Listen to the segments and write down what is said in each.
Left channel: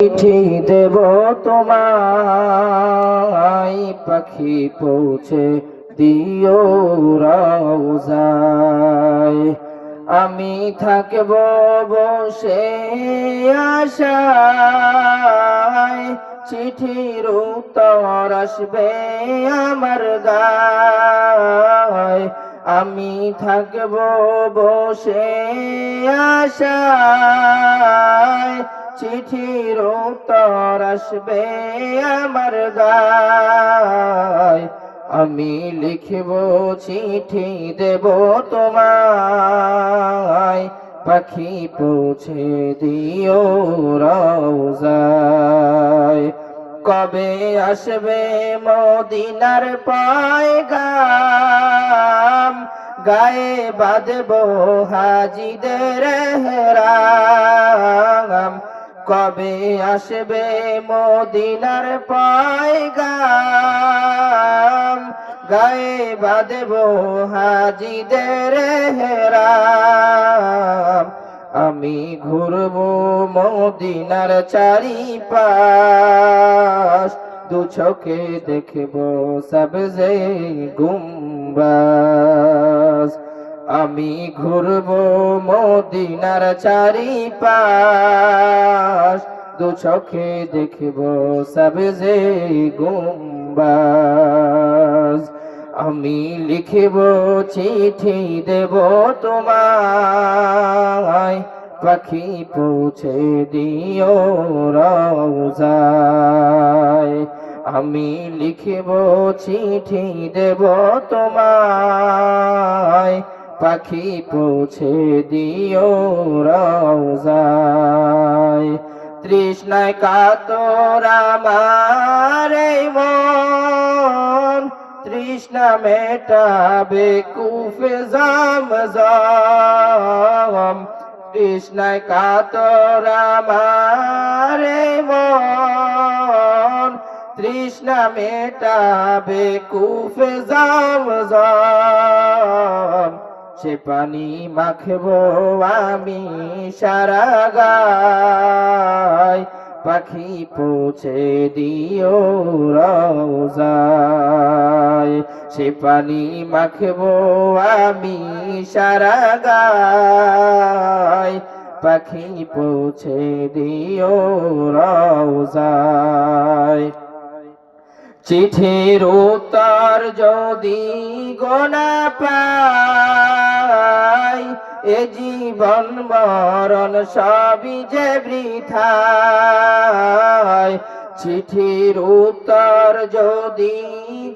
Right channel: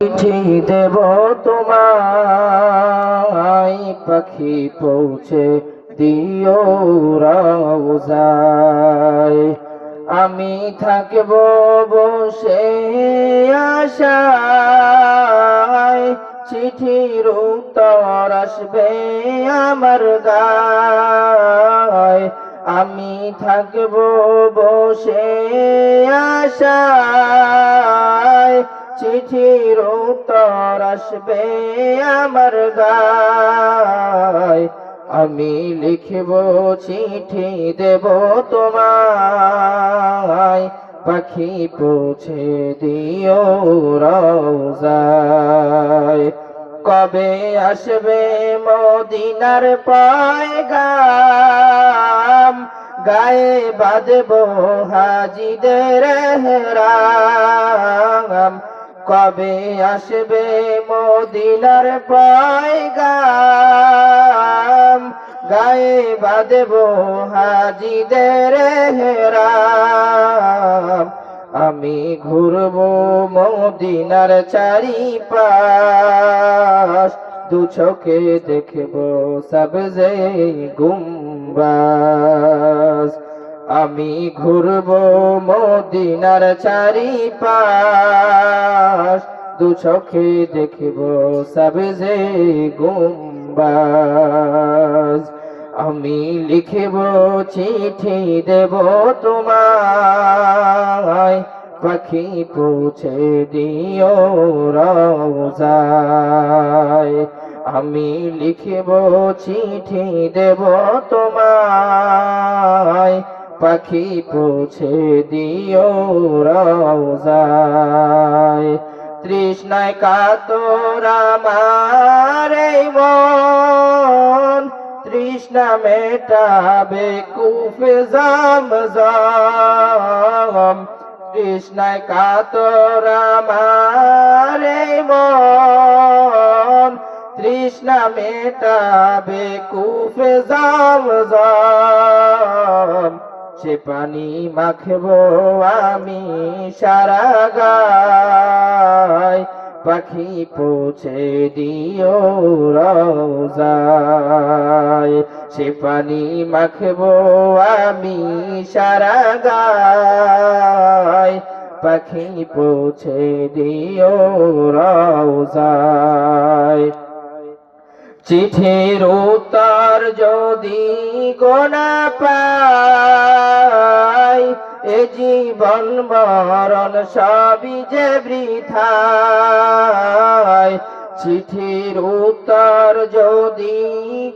চিঠি দেব তোমায়, পাখি পৌঁছে দিও রওজায়। আমি থাকব বসে আশায়, চিঠির উত্তর আসবে আমার গায়। আমি থাকব বসে আশায়, চিঠির উত্তর আসবে আমার গায়। আমি লিখব চিঠি দেব তোমায়, পাখি পৌঁছে দিও রওজায়। কবে আসবে মদিনার পয়গাম, গায়ে বাঁধব হাজিদের এহরাম। কবে আসবে মদিনার পয়গাম, গায়ে বাঁধব হাজিদের এহরাম। আমি ঘুরব মদিনার চারিপাশ, দু চোখে দেখব সবজে গুম্বাজ। আমি ঘুরব মদিনার চারিপাশ, দু চোখে দেখব সবজে গুম্বাজ। আমি লিখব চিঠি দেব তোমায়, পাখি পৌঁছে দিও রওজায়। আমি লিখব চিঠি দেব তোমায়, পাখি পৌঁছে দিও রওজায়। তৃষ্ণায় কাতর আমার এই মন, তৃষ্ণা মেটাবে কুফে জামজাম। তৃষ্ণায় কাতর আমার এই মন, তৃষ্ণা মেটাবে কুফে জামজাম। সে পানি মাখব আমি সারা গায়, পাখি পৌঁছে দিও রওজায়। সে পানি মাখব আমি সারা গায়, পাখি পৌঁছে দিও রওজায়। চিঠির উত্তর যদি গোনা পাই, এ জীবন মরণ সবই যে বৃথায়। চিঠির উত্তর যদি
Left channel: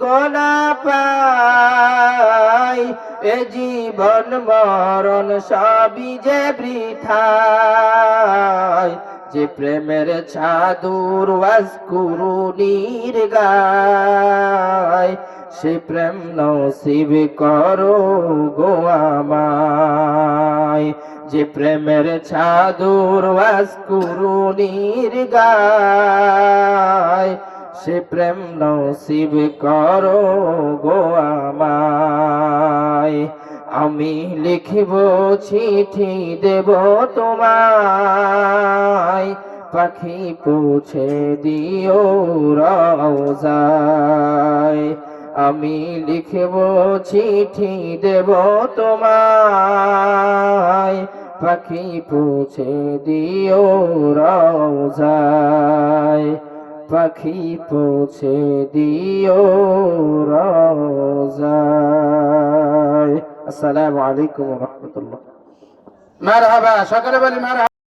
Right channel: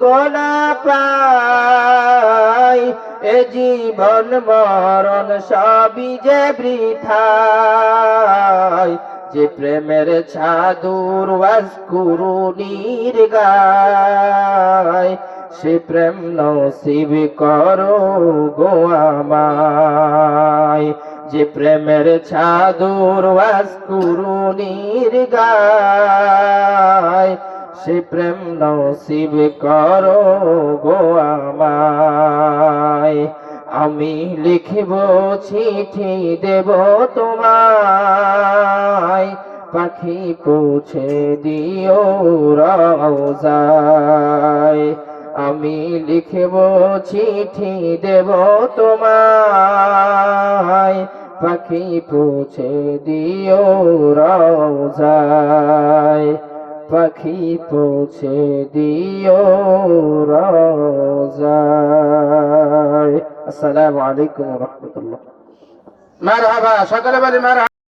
গোনা পাই, এ জীবন মরণ সবই যে বৃথায়। যে প্রেমের ছাদুর ওয়াজকুরুনির গায়, সে প্রেম নসিব করো গো আমায়। যে প্রেমের ছাদুর ওয়াজকুরুনির গায়, সে প্রেম নসিব করো গো আমায়। আমি লিখব চিঠি দেব তোমায়, পাখি পৌঁছে দিও রওজায়। আমি লিখব চিঠি দেব তোমায়, পাখি পৌঁছে দিও রওজায়। পাখি পৌঁছে দিও রওজায়। আসসালামু আলাইকুম ওয়া রাহমাতুল্লাহ। মারহাবা, সকলে বলি মারহাবা।